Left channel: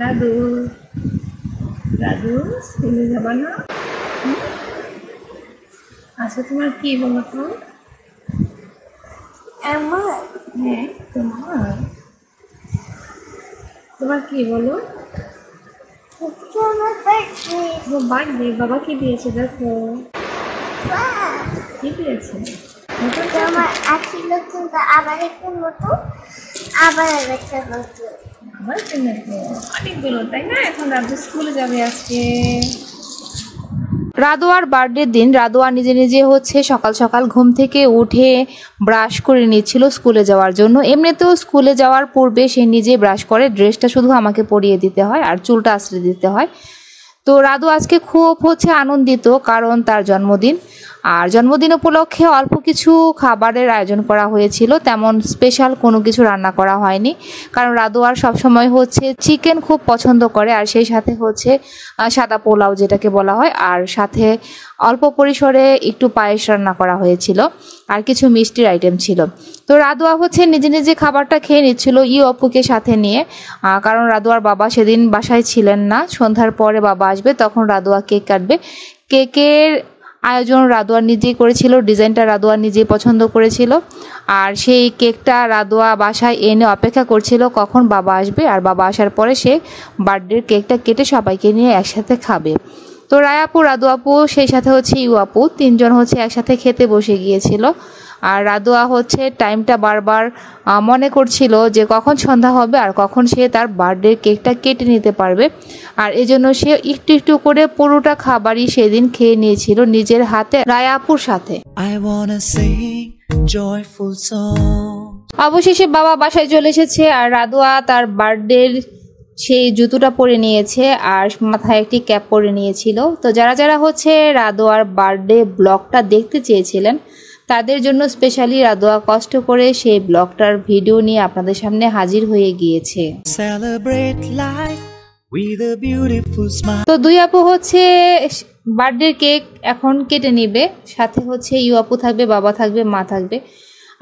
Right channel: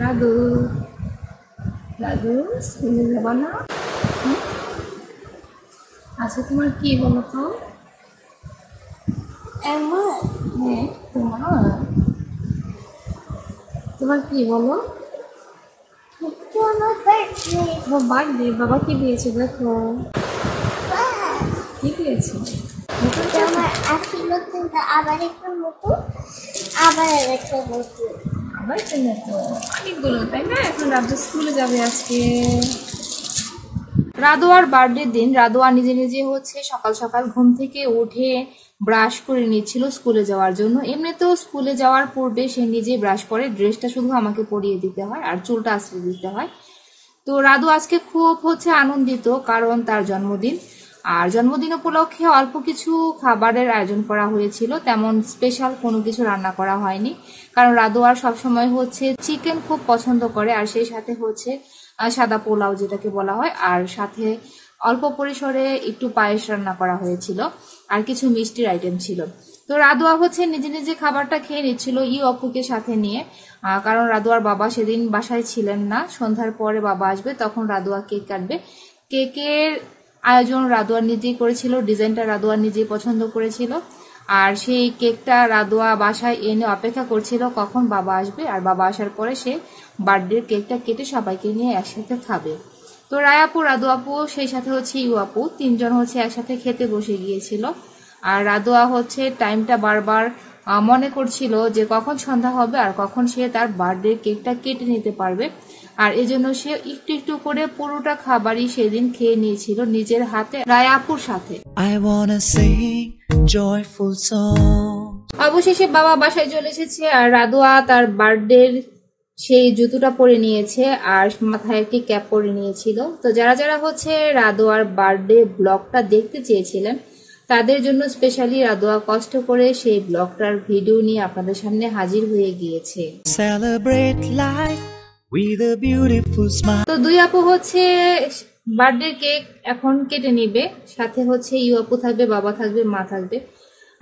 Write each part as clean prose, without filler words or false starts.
দাদু দাদু স্কুলে যাবা না? আচ্ছা তোমার কি বলো তো? আমার হ্যাঁ তোমার তোমার কি বলো? আমার বার্থডে। ও বার্থডে, বাবা কি দিয়েছে দেখো। কি দিয়েছে? নতুন তো আমার আজকে নতুন, আবার একটা নতুন, আবার একটা নতুন। আবার তো অনেকগুলো, তাই না? এখন রাজু স্কুলে যাবে আজকে। রাদোয়ার বার্থডের দিন রাদোয়া নিজে নিজে হচ্ছে সকাল সকাল ঘুম থেকে উঠে ব্রাশ করে নিচ্ছিল স্কুলে যাওয়ার জন্য। এমনিতেও স্কুলে যাওয়ার পূর্বে সে নিজে ব্রাশ করে, ড্রেসটা শুধু আমাকে পরিয়ে দিতে হয় আর চুলটা আঁচড়ে দিতে হয়। তো রাদু আজকে খুব হচ্ছে আনন্দিত, কারণ তার জন্মদিন। আর জন্মদিন উপলক্ষে অল্প কিছু খাবারের আয়োজন করা হয়েছিল, তেমন স্পেশাল কোনো কিছু রান্না করা হয়নি, কারণ রাদু আর সবসময় হচ্ছে চিকেন খুব পছন্দ করে। আর সেই সাথে হচ্ছে সাদা পোলাও যেটাকে বলা হয়, আর সাথে অল্প পরিসরে একটু পায়েস রান্না করা হয়েছিল, আর কিছু মিষ্টির আইটেম ছিল। তো রাদুয়া হচ্ছে নিজে নিজে খাবারটা খেয়ে নিচ্ছিল অপুকে সাথে নিয়ে, কারণ রাদুয়ার বাবা সেদিন বাসায় ছিলেন না। সন্ধ্যার পরে বাবা আসবে, তখন রাদুয়া কেক কাটবে। কেকের আয়োজন রাদোয়া নিজেই করেছিল, ডিজাইনটা রাদোয়া নিজেই পছন্দ করেছিল। আর সেই কেকটা রাদোয়া বাসায় এনে অপেক্ষা করছিল কখন বাবা আসবে, আর বাবা আসার পরে সে বার্থডের কেকটা কেটে সবাইকে নিয়ে একসাথে খাবে। তো রায়াপু, রাদু আপু, সেই সাথে হচ্ছে আপু, তিনজন হচ্ছে একসাথে খেতে বসে গিয়েছিল। আর রাদোয়া হচ্ছে টাইমটা বারবার মনে করছিল যে কখন সন্ধ্যা হবে আর কখন সে তার বার্থডে কেকটা কেটে নিতে পারবে। আর এজন্য সে একটু একটু করে পুরোটা খাবারই সেদিন খেয়ে নিয়েছিল নিজের হাতে রায়াপুর সাথে। অবশেষে বাবা বাসায় চলে এসেছে, আর রাদোয়া তার বার্থডের সেই জুতোটা পরে নিয়েছে আর মাথায় একটি ক্যাপ পরে নিয়েছিল। তো যারা যারা হচ্ছে রাদোয়ার বার্থডে ব্লগটা দেখতে চেয়েছিলেন, তাদের জন্য স্পেশালি রাদোয়া কষ্ট করে সেই ব্লগটার ভিডিও নিয়ে আপনাদের সামনে হাজির হয়ে গিয়েছে। তো দুই আপু হচ্ছে বার্থডে কেক এখন কেটে নিবে, সাথে হচ্ছে আপু থাকবে, বাবা থাকবে, মা থাকবে।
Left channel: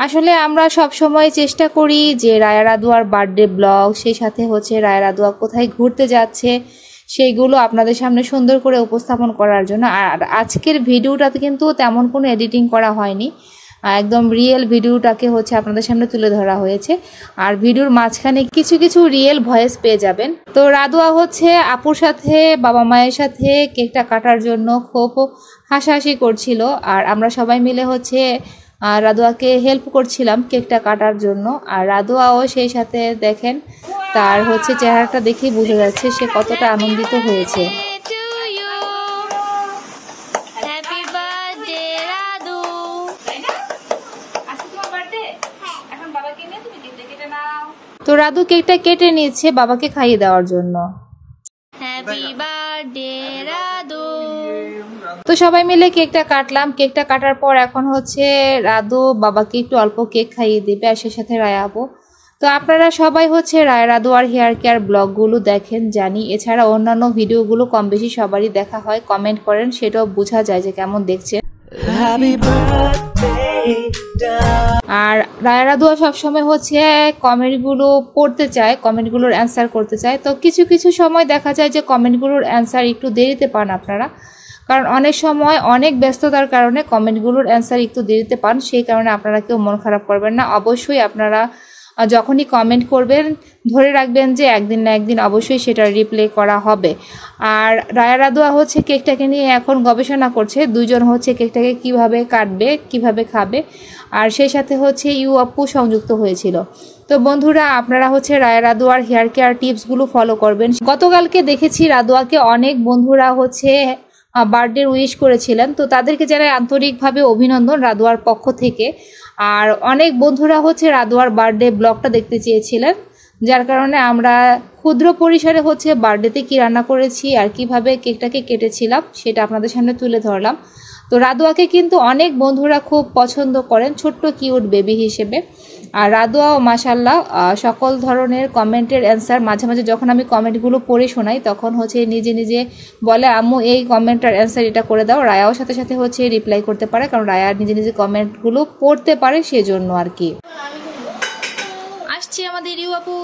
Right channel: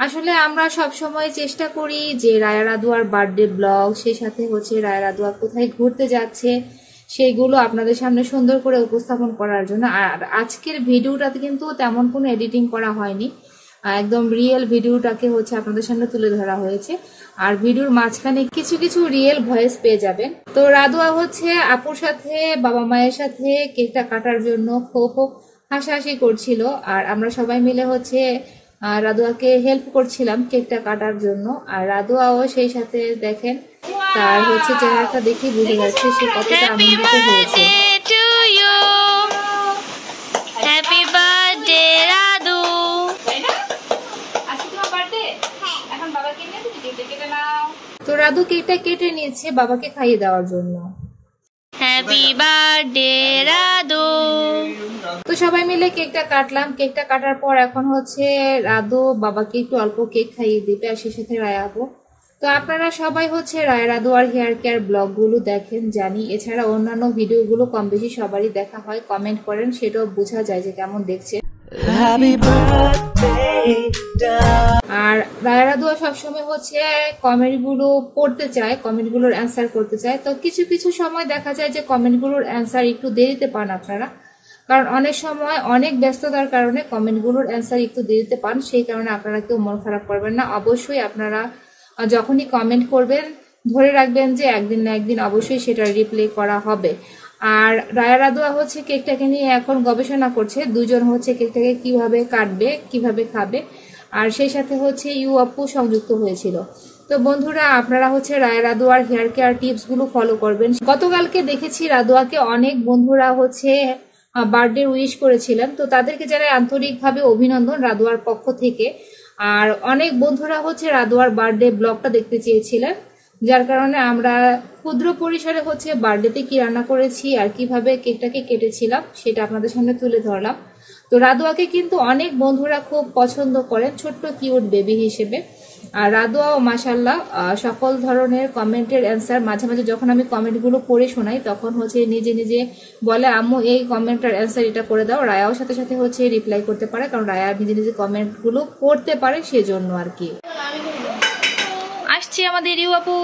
আসলে আমরা সব সময় চেষ্টা করি যে রায়া রাদোয়ার বার্থডে ব্লগ, সেই সাথে হচ্ছে রায়া রাদোয়া কোথায় ঘুরতে যাচ্ছে সেইগুলো আপনাদের সামনে সুন্দর করে উপস্থাপন করার জন্য। আর আজকের ভিডিওটাতে কিন্তু তেমন কোনো এডিটিং করা হয়নি, একদম রিয়েল ভিডিওটাকে হচ্ছে আপনাদের সামনে তুলে ধরা হয়েছে। আর ভিডিওর মাঝখানে কিছু কিছু রিয়েল ভয়েস পেয়ে যাবেন। তো রাদোয়া হচ্ছে আপুর সাথে, বাবা মায়ের সাথে কেকটা কাটার জন্য খুব হাসাহাসি করছিল, আর আমরা সবাই মিলে হচ্ছে রাদোয়াকে হেল্প করছিলাম কেকটা কাটার জন্য। আর রাদোয়াও সেই সাথে দেখেন, তার হচ্ছে চেহারাটা দেখে বোঝা যাচ্ছে সে কতটা আনন্দিত হয়েছে। তো রাদু কেকটা কেটে নিয়েছে বাবাকে খাইয়ে দেওয়ার জন্য। Happy birthday Radu. তো সবাই মিলে কেকটা কাটলাম। কেকটা কাটার পর এখন হচ্ছে রাদু বাবাকে একটু অল্প কেক খাইয়ে দিবে, আর সেই সাথে রায়া আপু। তো আপনারা সবাই হচ্ছে রায়া রাদু আর হেয়ার কেয়ার ব্লগগুলো দেখেন জানি, এছাড়া অন্যান্য ভিডিওগুলো কম বেশি সবারই দেখা হয়, কমেন্ট করেন, সেটাও বোঝা যায় যে কেমন দেখছে। আর রায়া রাদুয়া সবসময় হচ্ছে কমেন্টগুলো পড়তে চায়, কমেন্টগুলোর অ্যান্সার করতে চায়। তো কিছু কিছু সময় দেখা যায় যে কমেন্টগুলোর অ্যান্সার একটু দেরিতে পান আপনারা, কারণ অনেক সময় অনেক ব্যস্ততার কারণে কমেন্টগুলোর অ্যান্সার একটু দেরিতে পান। সেই কারণে আপনারা কেউ মন খারাপ করবেন না। অবশ্যই আপনারা যখনই কমেন্ট করবেন ধরে রাখবেন যে একদিন না একদিন অবশ্যই সেটা রিপ্লাই করা হবে। আর রায়া রাদোয়া হচ্ছে কেকটাকে নিয়ে এখন গবেষণা করছে, দুজন হচ্ছে কেকটাকে কিভাবে কাটবে, কিভাবে খাবে। আর সেই সাথে হচ্ছে আপু সংযুক্ত হয়েছিল। তো বন্ধুরা, আপনারা হচ্ছে রায়া রাদোয়ার হেয়ার কেয়ার টিপসগুলো ফলো করবেন। গতকালকে দেখেছি রাদোয়াকে অনেক বন্ধুরা হচ্ছে বার্থডে উইশ করেছিলেন, তো তাদেরকে জানাই আন্তরিকভাবে অভিনন্দন রাদোয়ার পক্ষ থেকে। আর অনেক বন্ধুরা হচ্ছে রাদোয়ার বার্থডে ব্লগটা দেখতে চেয়েছিলেন, যার কারণে আমরা ক্ষুদ্র পরিসরে হচ্ছে বার্থডেতে কি রান্না করেছি আর কিভাবে কেকটাকে কেটেছিলাম সেটা আপনাদের সামনে তুলে ধরলাম। তো রাদোয়াকে কিন্তু অনেক বন্ধুরা খুব পছন্দ করেন ছোট্ট কিউট বেবি হিসেবে। আর রাদোয়া মাশাল্লাহ সকল ধরনের কমেন্টের অ্যান্সার, মাঝে মাঝে যখন আমি কমেন্টগুলো পড়ে শোনাই তখন হচ্ছে নিজে নিজে বলে আম্মু এই কমেন্টের অ্যান্সার এটা করে দাও। রায়াও সাথে সাথে হচ্ছে রিপ্লাই করতে পারে, কারণ রায়া নিজে নিজে কমেন্টগুলো পড়তে পারে, সেজন্য আর কি। আসছি আমাদের আপু।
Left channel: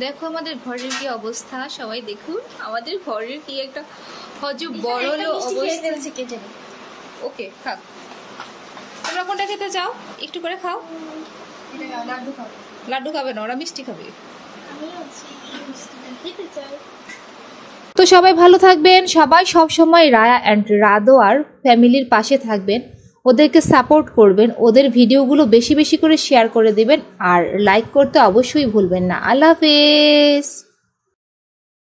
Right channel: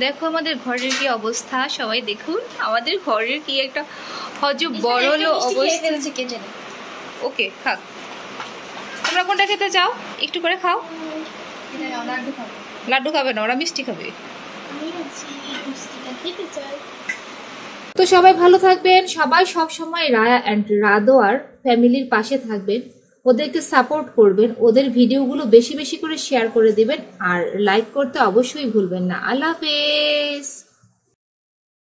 দেখো আমাদের ঘরের কি অবস্থা, সবাই দেখুন আমাদের ঘরের কি একটা বড়লো অবস্থা। ওকে খাক, তোমরা কোনটা খেতে চাও? একটু করে খাও। লাড্ডু খাবে না, ওরা মিষ্টি খাবে। তো সবাই ভালো থাকবেন, সবাই সব সময় রায়া অ্যান্ড রাদোয়ার ফ্যামিলির পাশে থাকবেন, ওদেরকে সাপোর্ট করবেন, ওদের ভিডিওগুলো বেশি বেশি করে শেয়ার করে দেবেন, আর লাইক করতে অবশ্যই ভুলবেন না। আল্লাহ হাফেজ।